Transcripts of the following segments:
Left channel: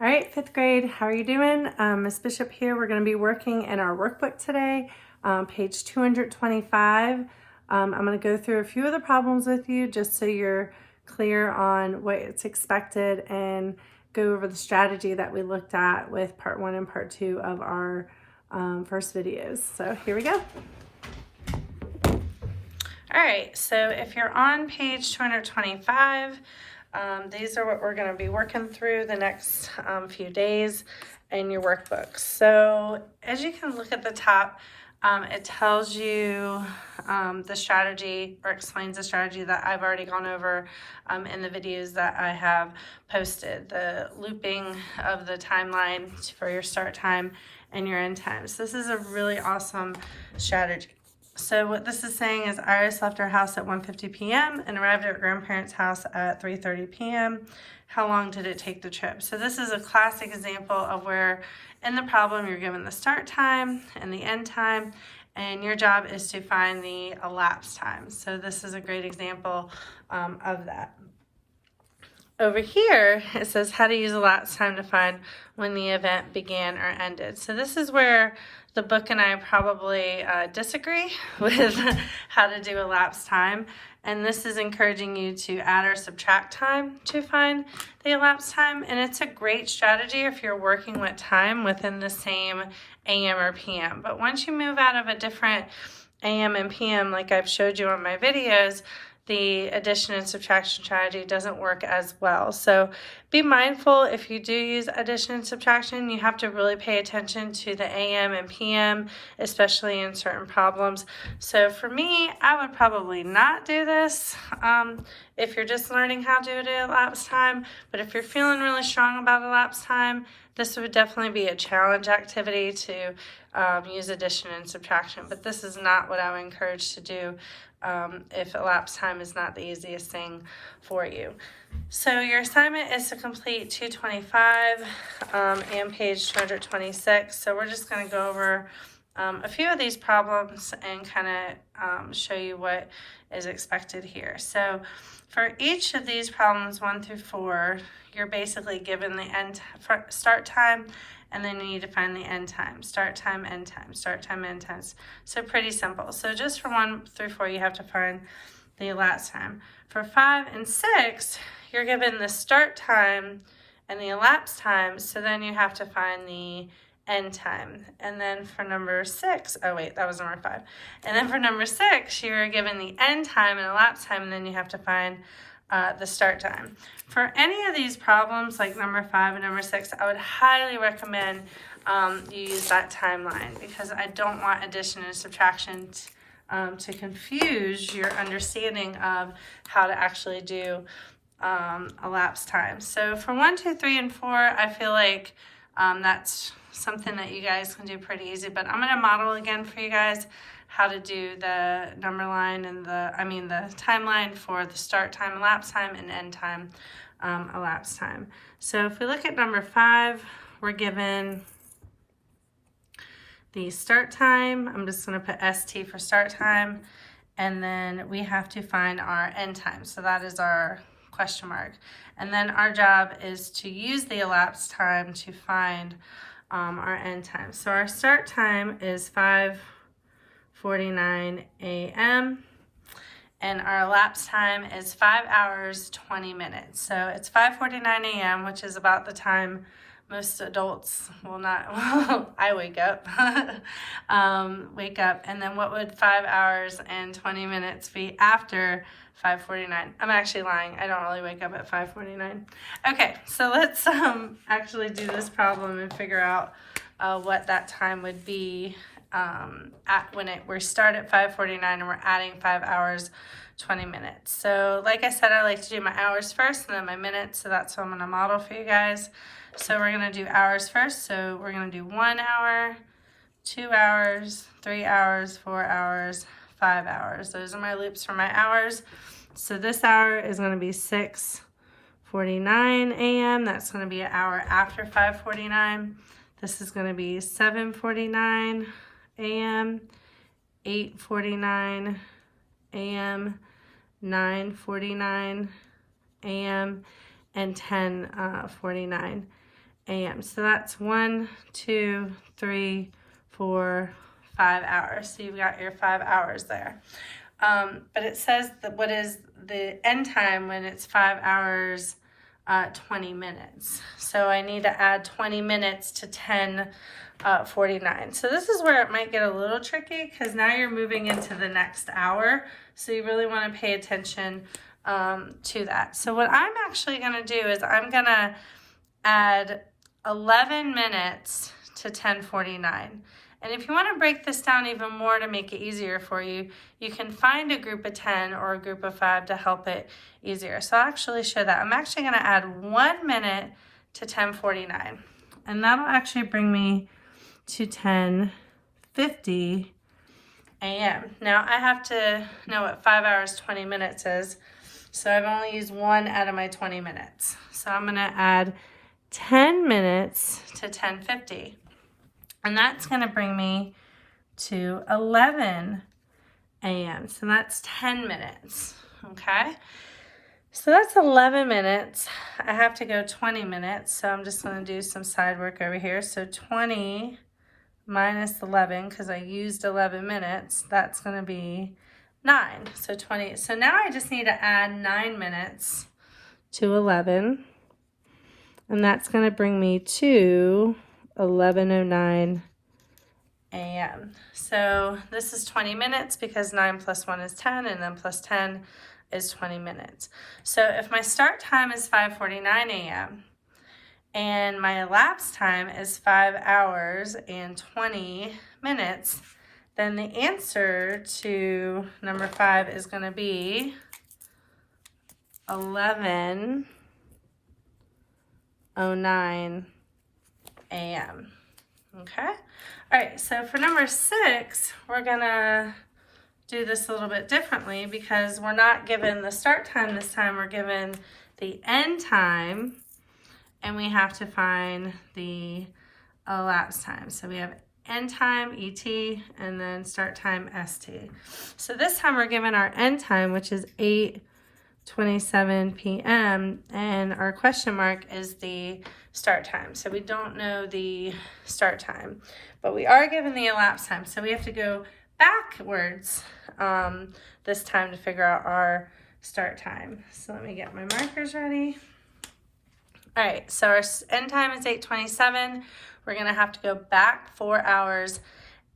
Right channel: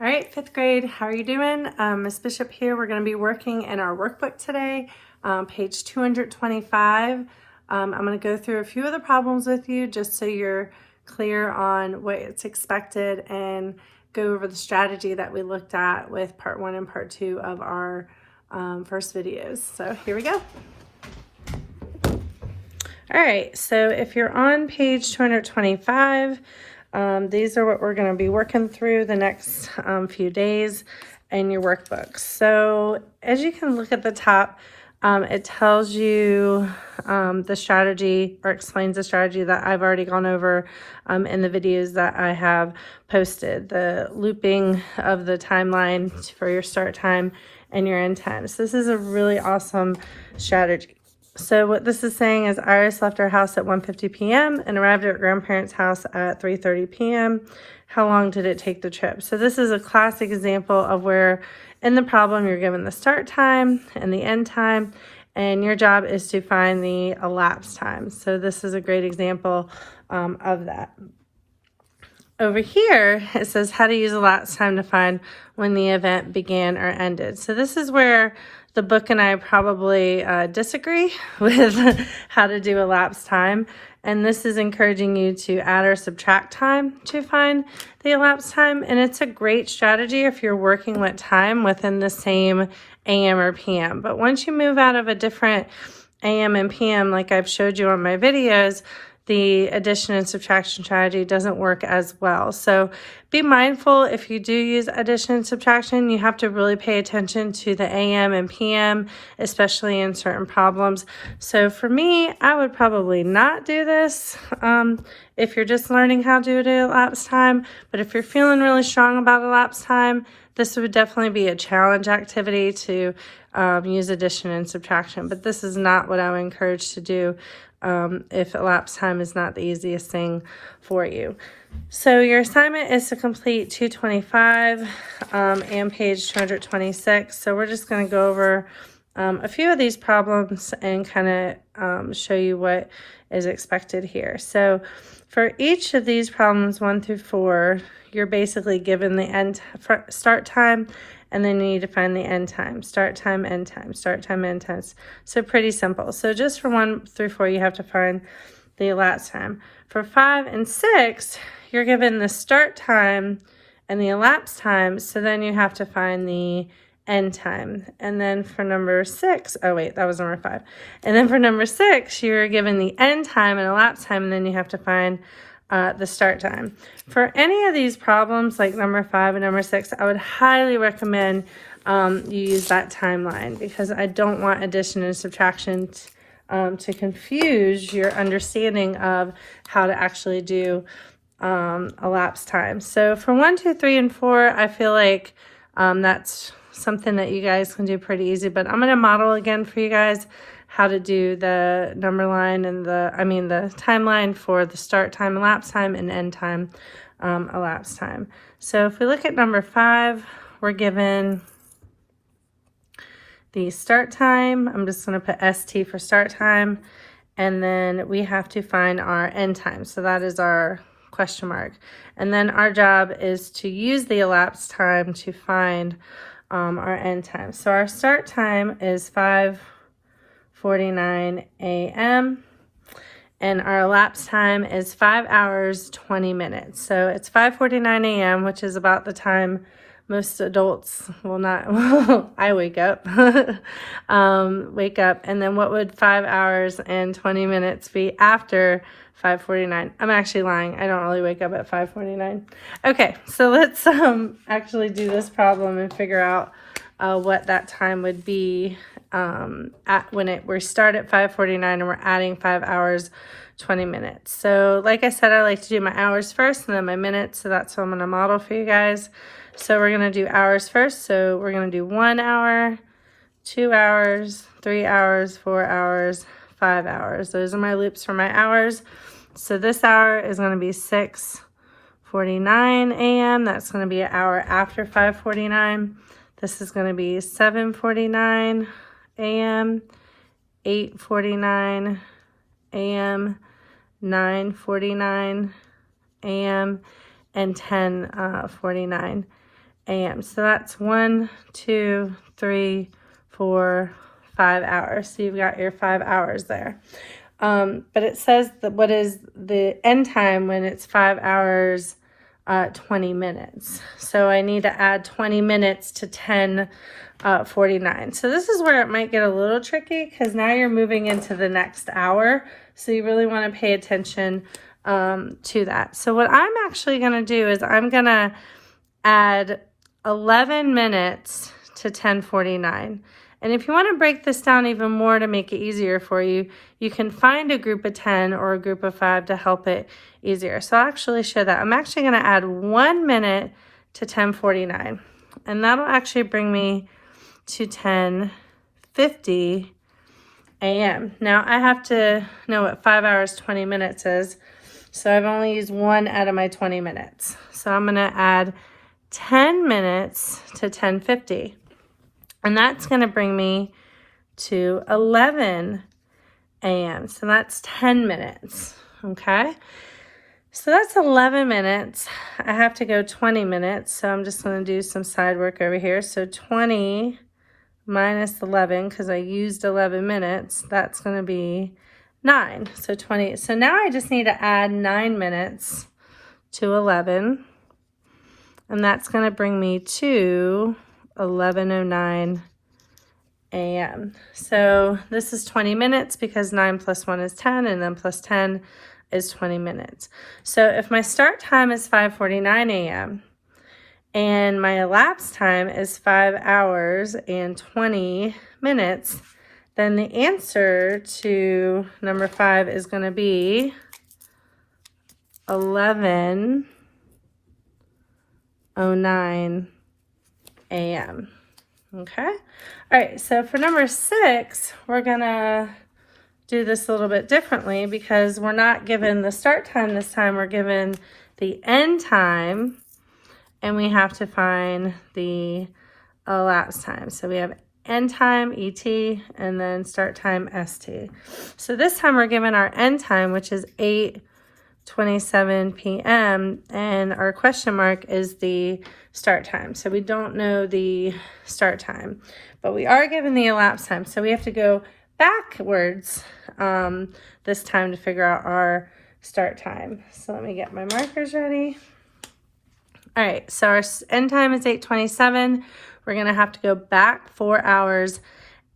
All right, fifth grade, how are you doing? Ms. Bishop here. We're going to be working in our workbook today, page 225. I'm going to go through a few of the problems with you just so you're clear on what it's expected and go over the strategy that we looked at with part 1 and part 2 of our first videos. So here we go. All right, so if you're on page 225, these are what we're going to be working through the next few days in your workbook. So as you can look at the top, it tells you the strategy or explains the strategy that I've already gone over in the videos that I have posted, the looping of the timeline for your start time and your end time. So this is a really awesome strategy. So what this is saying is Iris left our house at 1:50 p.m. and arrived at her grandparents' house at 3:30 p.m. How long did it take the trip? So this is a classic example of where in the problem you're given the start time and the end time, and your job is to find the elapsed time. So this is a great example of that. Over here, it says how to use elapsed time to find when the event began or ended. So this is where the book and I probably disagree with how to do elapsed time. And this is encouraging you to add or subtract time to find the elapsed time. And it's a great strategy if you're working with time within the same AM or PM. But once you move out of a different AM and PM, like I've showed you on my videos, the addition and subtraction strategy doesn't work as well. So be mindful if you do use addition and subtraction, you have to really pay attention to the AM and PM, especially in certain problems. So for me, I would probably not do this if you're just learning how to do elapsed time. But if you're feeling really strong about elapsed time, this would definitely be a challenge activity to use addition and subtraction. But this is not what I would encourage to do if elapsed time is not the easiest thing for you. So your assignment is to complete 225 and page 226. So we're just going to go over a few of these problems and kind of show you what is expected here. So for each of these problems 1 through 4, you're basically given the start time, and then you need to find the end time. Start time, end time, start time, end time. So pretty simple. So just for 1 through 4, you have to find the elapsed time. For 5 and 6, you're given the start time and the elapsed time. So then you have to find the end time. And then for number 6, oh wait, that was number 5. And then for number 6, you're given the end time and elapsed time, and then you have to find the start time. For any of these problems, like number 5 and number 6, I would highly recommend you use that timeline, because I don't want addition and subtraction to confuse your understanding of how to actually do elapsed time. So for 1, 2, 3, and 4, I feel like that's something that you guys can do pretty easy, but I'm going to model again for you guys how to do the number line and the timeline for the start time, elapsed time, and end time, elapsed time. So if we look at number 5, we're given the start time. I'm just going to put ST for start time, and then we have to find our end time. So that is our question mark. And then our job is to use the elapsed time to find our end time. So our start time is 5:49 a.m. and our elapsed time is 5 hours 20 minutes. So it's 5:49 a.m., which is about the time most adults will not I wake up and then what would 5 hours and 20 minutes be after 5:49? I'm actually lying. I don't really wake up at 5:49. Okay, so let's actually do this problem and figure out what that time would be we start at 5:49 and we're adding 5 hours 20 minutes. So like I said, I like to do my hours first and then my minutes, so that's what I'm going to model for you guys. So we're going to do hours first. So we're going to do 1 hour, 2 hours, 3 hours, 4 hours, 5 hours. Those are my loops for my hours. So this hour is going to be 6:49 a.m. That's going to be an hour after 5:49. This is going to be 7:49 a.m., 8:49 a.m., 9:49 a.m., and 10:49 a.m. So that's 1, 2, 3, 4, 5 hours. So you've got your 5 hours there. But it says that what is the end time when it's 5 hours, 20 minutes. So I need to add 20 minutes to 10:49. So this is where it might get a little tricky because now you're moving into the next hour. So you really want to pay attention to that. So what I'm actually going to do is I'm going to add 11 minutes to 10:49. And if you want to break this down even more to make it easier for you, you can find a group of 10 or a group of 5 to help it easier. So I'll actually show that. I'm actually going to add 1 minute to 10:49. And that'll actually bring me to 10:50 a.m. Now I have to know what 5 hours, 20 minutes is. So I've only used 1 out of my 20 minutes. So I'm going to add 10 minutes to 10:50. And that's going to bring me to 11 a.m. So that's 10 minutes, okay? So that's 11 minutes. I have to go 20 minutes, so I'm just going to do some side work over here. So 20 minus 11, because I used 11 minutes, that's going to be 9. So 20. So now I just need to add 9 minutes to 11, and that's going to bring me to 11:09 a.m. So this is 20 minutes because 9 plus 1 is 10, and then plus 10 is 20 minutes. So if my start time is 5:49 a.m. and my elapsed time is 5 hours and 20 minutes, then the answer to number 5 is going to be 11:09 a.m. Okay. All right. So for number 6, we're going to do this a little bit differently because we're not given the start time this time. We're given the end time, and we have to find the elapsed time. So we have end time, ET, and then start time, ST. So this time we're given our end time, which is 8:27 p.m., and our question mark is the start time. So we don't know the start time, but we are given the elapsed time. So we have to go backwards this time to figure out our start time. So let me get my markers ready. All right, so our end time is 8:27. We're gonna have to go back 4 hours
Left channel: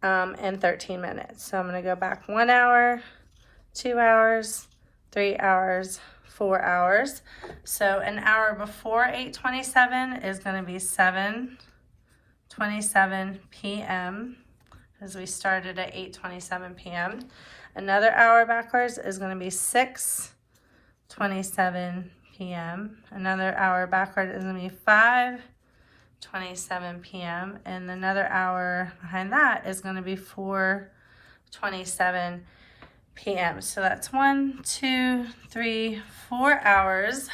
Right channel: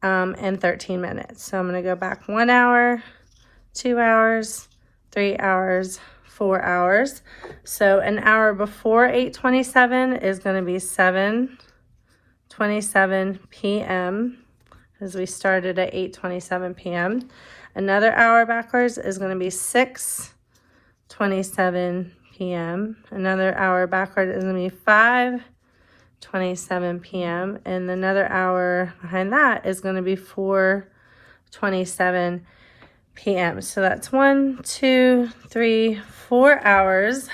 and 13 minutes. So I'm gonna go back 1 hour, 2 hours, 3 hours, 4 hours. So an hour before 8:27 is gonna be 7:27 p.m. as we started at 8:27 p.m. Another hour backwards is gonna be 6:27 p.m. Another hour backward is gonna be 5:27 p.m. and another hour behind that is gonna be 4:27 p.m. So that's 1, 2, 3, 4 hours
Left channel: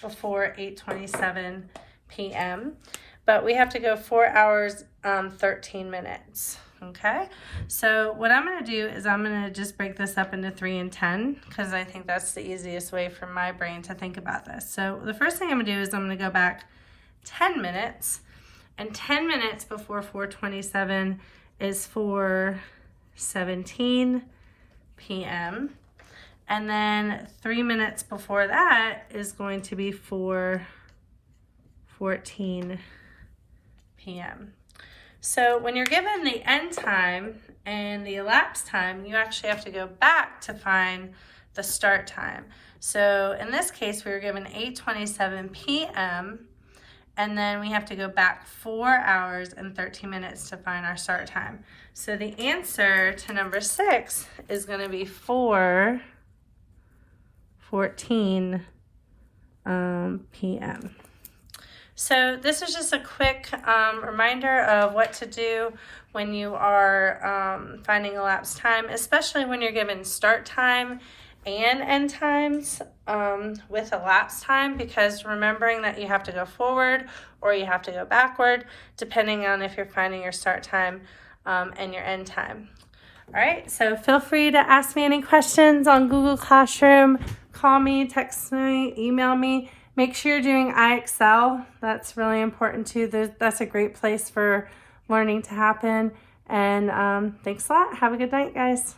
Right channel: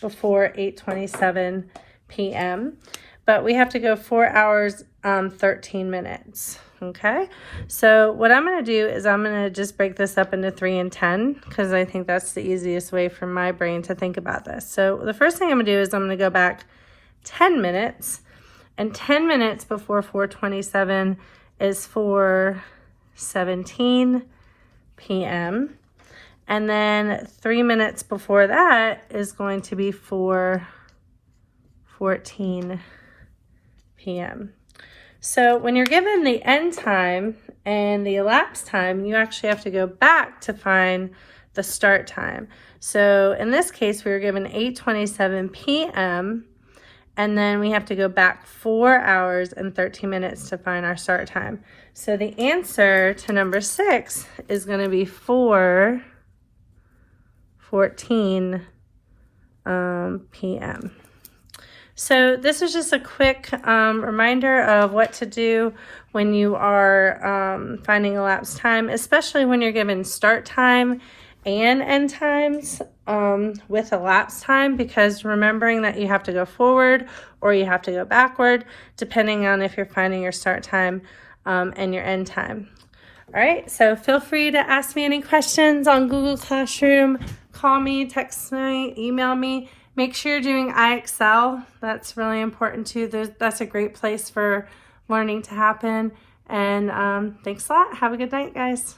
before 8:27 p.m. But we have to go 4 hours 13 minutes. Okay, so what I'm going to do is I'm going to just break this up into 3 and 10 because I think that's the easiest way for my brain to think about this. So the first thing I'm going to do is I'm going to go back 10 minutes, and 10 minutes before 4:27 is 4:17 p.m. And then 3 minutes before that is going to be 4:14 p.m. So when you're given the end time and the elapsed time, you actually have to go back to find the start time. So in this case, we were given 8:27 p.m. and then we have to go back 4 hours and 13 minutes to find our start time. So the answer to number 6 is going to be 4:14 p.m. So this is just a quick reminder of what to do when you are finding elapsed time, especially when you're given start time and end times with elapsed time, because remembering that you have to go forward or you have to go backward, depending on if you're finding your start time and your end time. All right, so feel free to ask me any questions on Google Classroom, call me, text me, email me. Make sure you're doing iExcel. That's really important too. That's a great place for learning to happen. And thanks a lot. Have a good night, guys.